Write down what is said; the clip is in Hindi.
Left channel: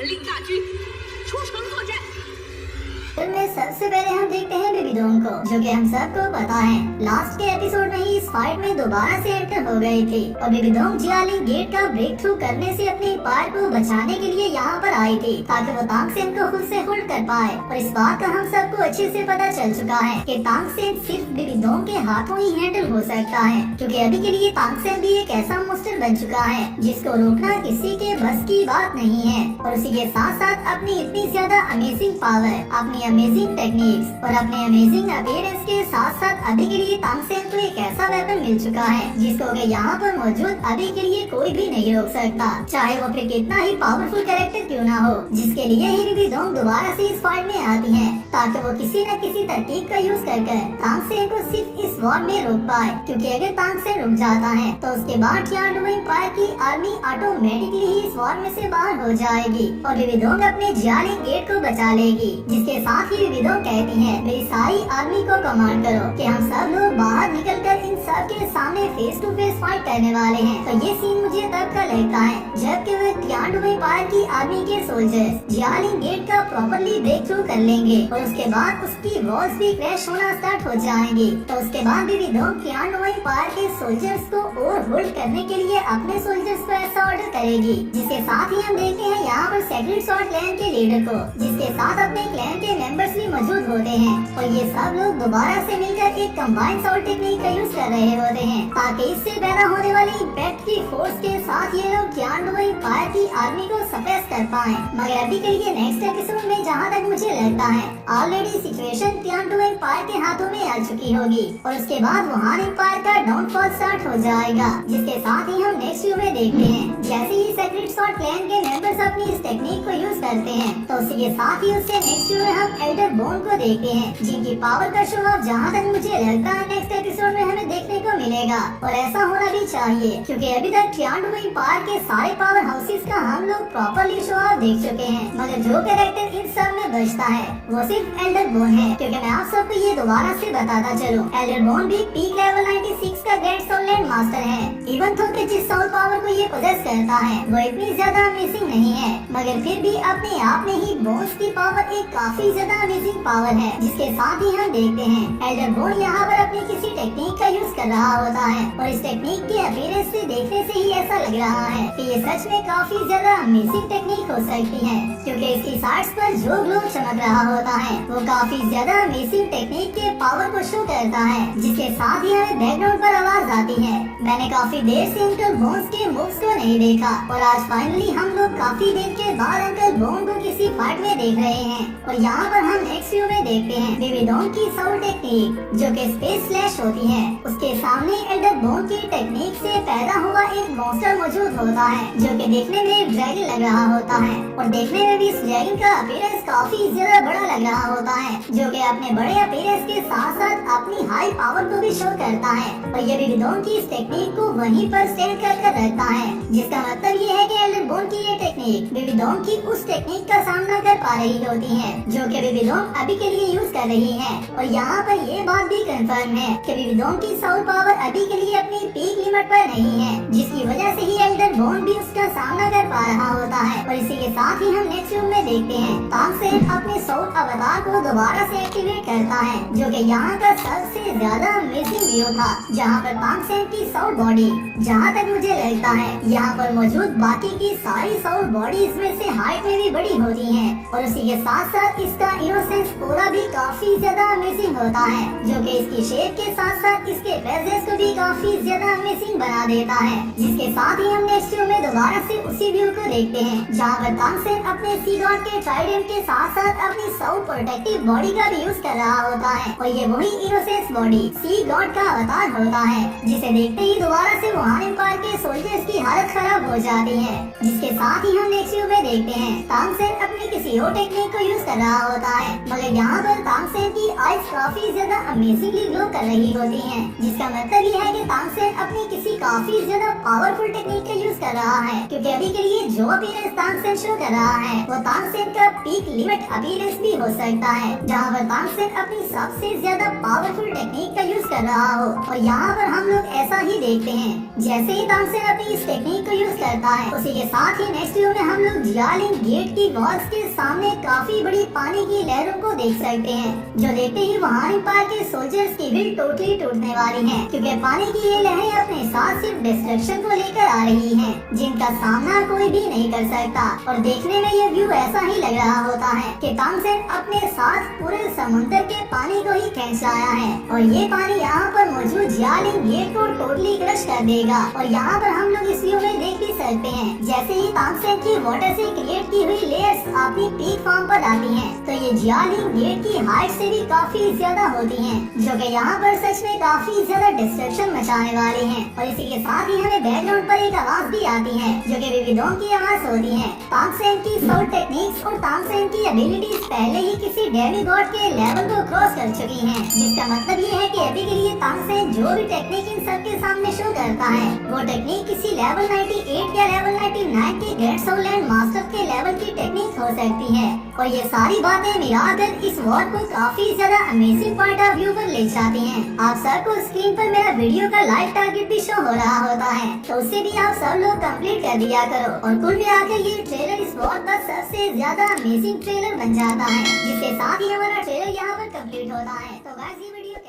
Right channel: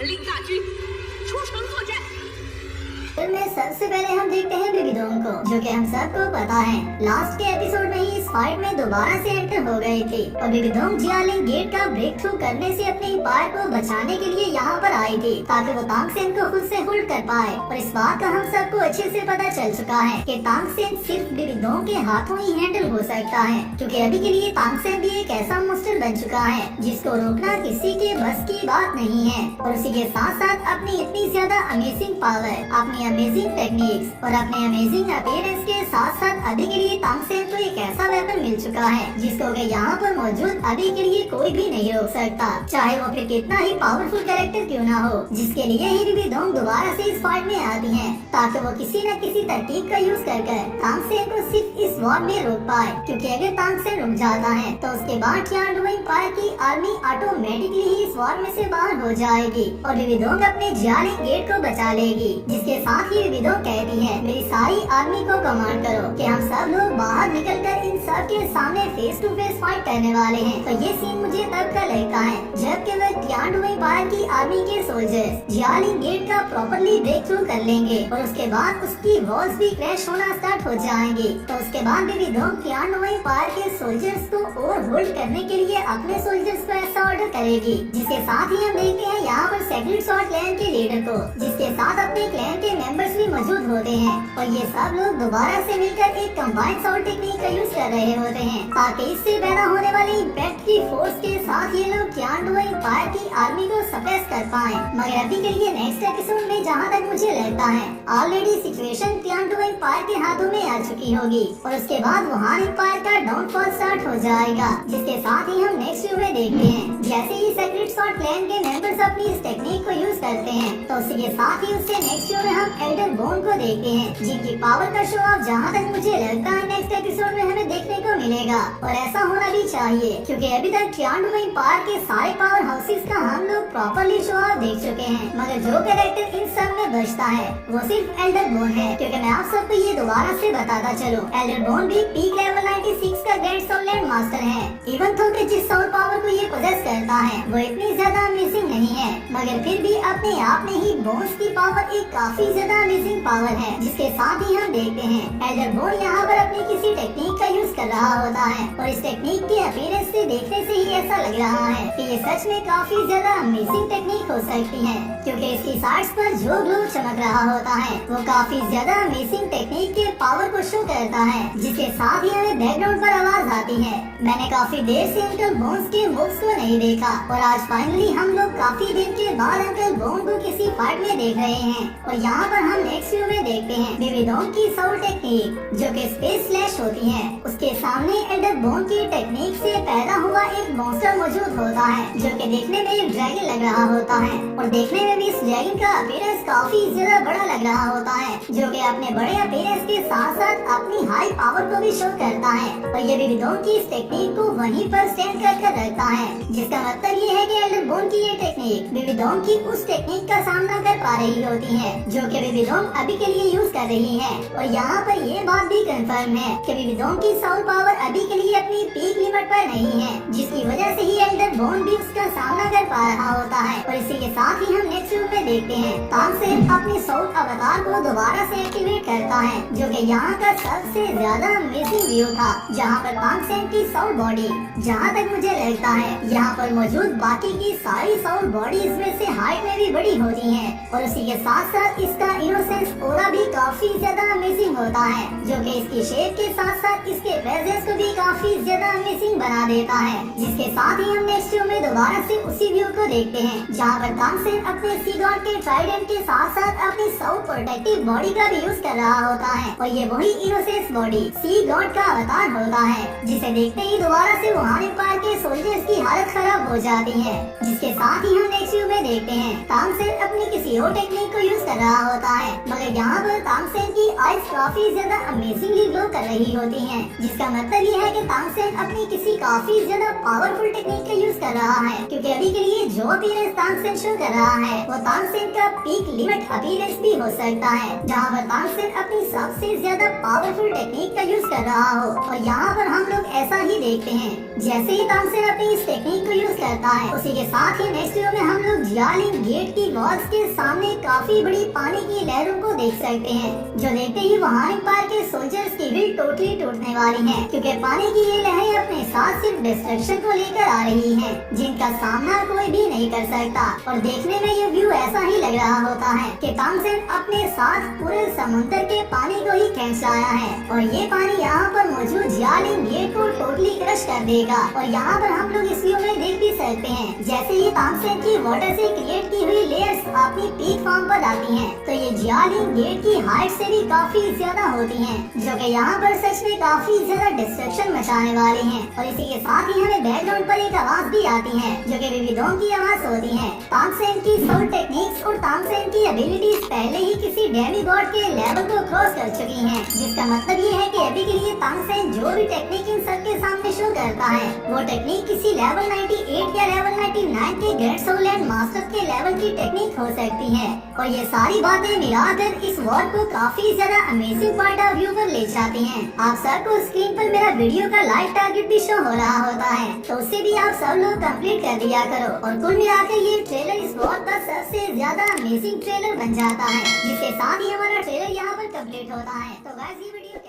传令大军出城作战。 में सबसे पहले हम देखते हैं बिबिडोंग को, जो कि हम सबको पता है लास्ट के एपिसोड में ही इस फाइट में दोबारा से एंटर हो गए थे और बिबिडोंग जियालिंग गेट का ब्रेक थ्रू करने से अपने एम्पायर को बचाने के लिए यहाँ पर आई थी ताकि वो तांग सेन को खुद से होल्ड कर पाए। और इस बात का हम सबको अच्छे से पता चल चुका है कि तांग सेन सिर्फ बिबिडोंग के हाथों ही हैंडल हो सकता है, क्योंकि अभी के लिए तांग सेन भी एक ऐसा मोस्टर बन चुका है जिसको रोकना किसी के बस की बात नहीं है। और उसी के साथ साथ अपनी इतनी ज्यादा अमेजिंग पावर, अपनी अमेजिंग टेक्निक्स और अपने अमेजिंग अपीयरेंस के साथ साथ अभी के लिए तांग सेन को एक ऐसा वेपन मिल चुका है जिसको कि यहाँ पर मौजूद अभी के लिए कोई भी नहीं रोक सकता, चाहे वो फिर कितना ही पावरफुल कैरेक्टर क्यों ना हो। जिसके लिए ही बिबिडोंग दोबारा से इस फाइट में आती हैं ताकि वो किसी न किसी तरकीब का यूज कर तांग सेन को सिर्फ इस वॉर में रोक पाए, क्योंकि अगर तांग सेन रुक जाता है तो उसके बाद टियानडू एम्पायर की आर्मी ऑटोमेटिकली ही इस वॉर में से बाहर हो जाएगी और बिबिडोंग अपने जियालिंग गेट को बचा लेगी। जिसके साथ ही बिबिडोंग कहती है मेरी सारी आर्मी को कमांड करो कि हम सब लोग बाहर निकलकर इन सब के सामने फेस टू फेस फाइट करने वाले हैं। तो ये सीन मुझे तब का लगता है जब कि वह टियानडू एम्पायर की आर्मी के सोल्जर्स जियालिंग गेट का प्रॉपर्ली ब्रेक थ्रू कर लेंगे और उसके बाद उसकी वॉल्स भी क्रैश होना स्टार्ट हो जाएंगी। तो उसके बाद बिबिडोंग टियानडू एम्पायर के सोल्जर्स को और होल्ड करने के लिए अपने सोल्जर्स को ऐसा ऑर्डर करेगी। जिसके साथ ही हम देखते हैं यहाँ पर सेक्रेट स्वॉर्ड क्लैन के लीडर को, जिसके साथ अपने क्लैन के मेंबर्स भी मौजूद होते हैं और ये सब लोग दोबारा से मिलकर एक कंबाइंड सॉल्ट टेक्निक का यूज कर रहे होते हैं ताकि इससे पैदा होने वाली इम्पैक्ट की फोर्स के साथ ये लोग टियानडू एम्पायर की आर्मी को सप्रेस कर पाए। मगर अभी के लिए नेक्स्ट एपिसोड में जहाँ तक मुझे लगता है ऑलरेडी सिचुएशन टियानडू एम्पायर के हाथों में आ चुकी होगी और उसके बाद वुहान एम्पायर का डाउनफॉल स्टार्ट हो जाएगा। जिसके साथ ही हम नेक्स्ट व्यू में देखते हैं जैसे ही सेक्रेट स्वॉर्ड क्लैन के मेंबर्स अपनी इस टेक्निक को यूज करते हैं तो उसी के साथ ही उससे नेक्स्ट व्यू में हम एल्डर बोन को देखते हैं, जिनकी पावर का शो ऑफ जहाँ तक मुझे लगता है नेक्स्ट एपिसोड में हमें देखने को मिलेगा और ऐसा होना भी चाहिए, क्योंकि अभी तक टियानडू एम्पायर के सारे पावर हाउसेस का हम लोग प्रॉपर्ली शो ऑफ देख चुके हैं। मगर जो कैरेक्टर इन सब में बचता है वो सिर्फ एल्डर बोन है, क्योंकि मैं आप सबको ये दोबारा से बताता चलूं, एल्डर बोन भी पीक लेवल 96 का ग्रैंड सोल लैंड मास्टर है। इवन तो जिस सोल पावर को ये पोजेस करता है वो इतनी ज्यादा अमेजिंग नहीं है, मगर फिर भी अपने आप में ही बोन्स की पावर एक काफी ज्यादा अमेजिंग पावर है। जिसके साथ ही हम देखते हैं एल्डर बोन यहाँ पर अपनी किसी टेक्निक का यूज कर रहा होता है और इस टेक्निक के अपीयरेंस से देखने से ही ऐसा लग रहा है कि ये सच में काफी ज्यादा अमेजिंग टेक्निक हो सकती है, क्योंकि इसकी साइड्स पर जो ग्लो चमक रहा होता है वो काफी ज्यादा अमेजिंग टेक्निक के पावर को शो करता है। जिसके साथ ही हमें बैकग्राउंड पर आवाज आती है मैंने काफी देर से अंकल बोन्स के मूव्स को नहीं देखा और आज फाइनली हम लोग काफी देर के बाद अंकल बोन को किसी फाइट में देख रहे हैं। और यहाँ पर हम नेक्स्ट व्यू में देखते हैं बिबिडोंग की सोल टेक्निक जो कि स्पेस स्लैश होती है, उसके सामने एल्डर बोन की टेक्निक से पैदा हुआ एक मॉन्स्टर मौजूद होता है जो कि देखने में एक ड्रैगन लग रहा होता है और देखने में भी इस ड्रैगन का अपीयरेंस काफी ज्यादा बड़ा लग रहा होता है, जो कि अपने बड़े अपीयरेंस के साथ साथ अपनी हाई पावर को भी शो करता है। और ये बिबिडोंग की इस टेक्निक को वहीं पर स्टैंड कर रखता है, जिसका मतलब ये है कि एल्डर बोन की ये टेक्निक बिबिडोंग की उस टेक्निक का सामना कर पा रही होती है जो कि बिबिडोंग अभी के लिए यूज कर रही है। और यहाँ पर ये बात भी कंफर्म है कि बिबिडोंग की सोल पावर अभी के लिए अपनी पीक लिमिट पर नहीं है, जिसकी वजह से ही एल्डर बोन भी उसका सामना कर पा रहा होता है। और इसी के साथ ही हम नेक्स्ट व्यू में देखते हैं तांग सेन अपने सोल अवतार को दोबारा से एक्टिवेट करता है, जो कि यहाँ का सबसे ज्यादा अमेजिंग व्यू था, जहाँ पर तांग सेन की सोल बॉडी जहाँ तक मुझे लगता है यहाँ पर मौजूद बाकी की सारी सोल बॉडीज में से हाइट में भी बड़ी होती है और उसी के साथ साथ इसका इनोसेंस ओरा भी काफी ज्यादा अमेजिंग होता है, जो कि इसकी शेप के साथ साथ इसके प्रेजेंस को भी काफी ज्यादा अमेजिंग बना देता है। जिसके साथ ही हम नेक्स्ट व्यू में दोबारा से उसी व्यू को देखते हैं जहाँ पर तांग सेन अपने सी गॉड के ट्राइडेंट के साथ साथ अपनी सोल प्रोटेक्टिव बॉडी का भी यूज कर रहा होता है और ये वही इनोसेंस बॉडी सी गॉड का अवतार होता है, जिसे देखते ही दोबारा से वुहान एम्पायर के सोल्जर्स की हालत खराब हो जाती है। जिसके साथ ही हम नेक्स्ट व्यू में देखते हैं तांग सेन अपनी किसी और टेक्निक को यूज कर रहा होता है, मगर यहाँ पर तांग सेन की आइज काफी ज्यादा अमेजिंगली ग्लो कर रही होती हैं, जिसका मतलब ये है कि तांग सेन अपनी किसी काफी ज्यादा पावरफुल टेक्निक का यूज कर रहा है, क्योंकि अभी के लिए जो अपीयरेंस तांग सेन शो कर रहा है वो तांग सेन का पीक लिमिट अपीयरेंस भी हो सकता है, जहाँ पर तांग सेन अपनी सबसे ज्यादा पावरफुल टेक्निक का यूज कर रहा हो। और यहाँ पर हम लोग ऐसा ही देखते हैं जैसे ही तांगसेन अपनी इस टेक्निक को यूज करता है, उसी के साथ ही नेक्स्ट व्यू में हम लोग जियालिंग गेट की वॉल्स के सामने काफी बड़ी पानी की लहरों को देख सकते हैं, जो देखते ही वहां पार के सोल्जर्स की भी टोटली टूटने वाली है, क्योंकि पानी की ये लहरें अपने साथ सिर्फ डिस्ट्रक्शन को लेकर आ रही हैं, जिनका सामना कोई भी नहीं कर सकता। और देखने में ये व्यू ऐसा ही लग रहा होता है कि तांगसेन अपने साथ पूरे समुद्र के पानी को ही खींच लाया है, और ये पानी यहाँ पर मौजूद जियालिंग गेट को टोटली क्रश कर देगा। और यहाँ पर हम लोग इस व्यू में देख भी सकते हैं, जैसे ही तांगसेन की वाटर से क्रिएट की हुई लेयर्स अपनी पीक फॉर्म पर आती हैं, तो ये जियालिंग गेट की हाइट से भी काफी ज्यादा होती हैं, जो कि यहाँ पर सच में काफी ज्यादा डिस्ट्रक्शन मचाने वाली हैं। और इसी के साथ ही हमें बैकग्राउंड पर एक आवाज भी आती है, जो कि बेबीडोंग की आवाज होती है। तांगसेन की सोल टेक्निक्स और तांगसेन की एबिलिटीज पहले ही किसी डेमीगॉड के लेवल को क्रॉस कर चुकी हैं, जिसका मतलब ये है कि अभी के लिए तांगसेन जो भी टेक्निक इन सबके सामने शो करता है, वो टेक्निक किसी लेवल 98 या लेवल 99 के ग्रेट सोल लैंड मास्टर के लेवल की टेक्निक हो सकती है। और ये सारी बातें मिलाकर इस वॉर को काफी ज्यादा अमेजिंग पॉइंट ऑफ व्यू पर ले जाती हैं। आप सबको स्क्रीन पर मेरा वीडियो का लाइव टारगेट भी शो हो रहा होता है, तो उससे भी आप सब लोग कंप्लीट कर दिया करो। और कुल मिलाकर ये ट्रेलर इस वॉर का सबसे ज्यादा अमेजिंग ट्रेलर बन जाता है, जिसके साथ ही हमारा ट्रेलर यहाँ पर कंप्लीट होता है। तो गाइस ये वीडियो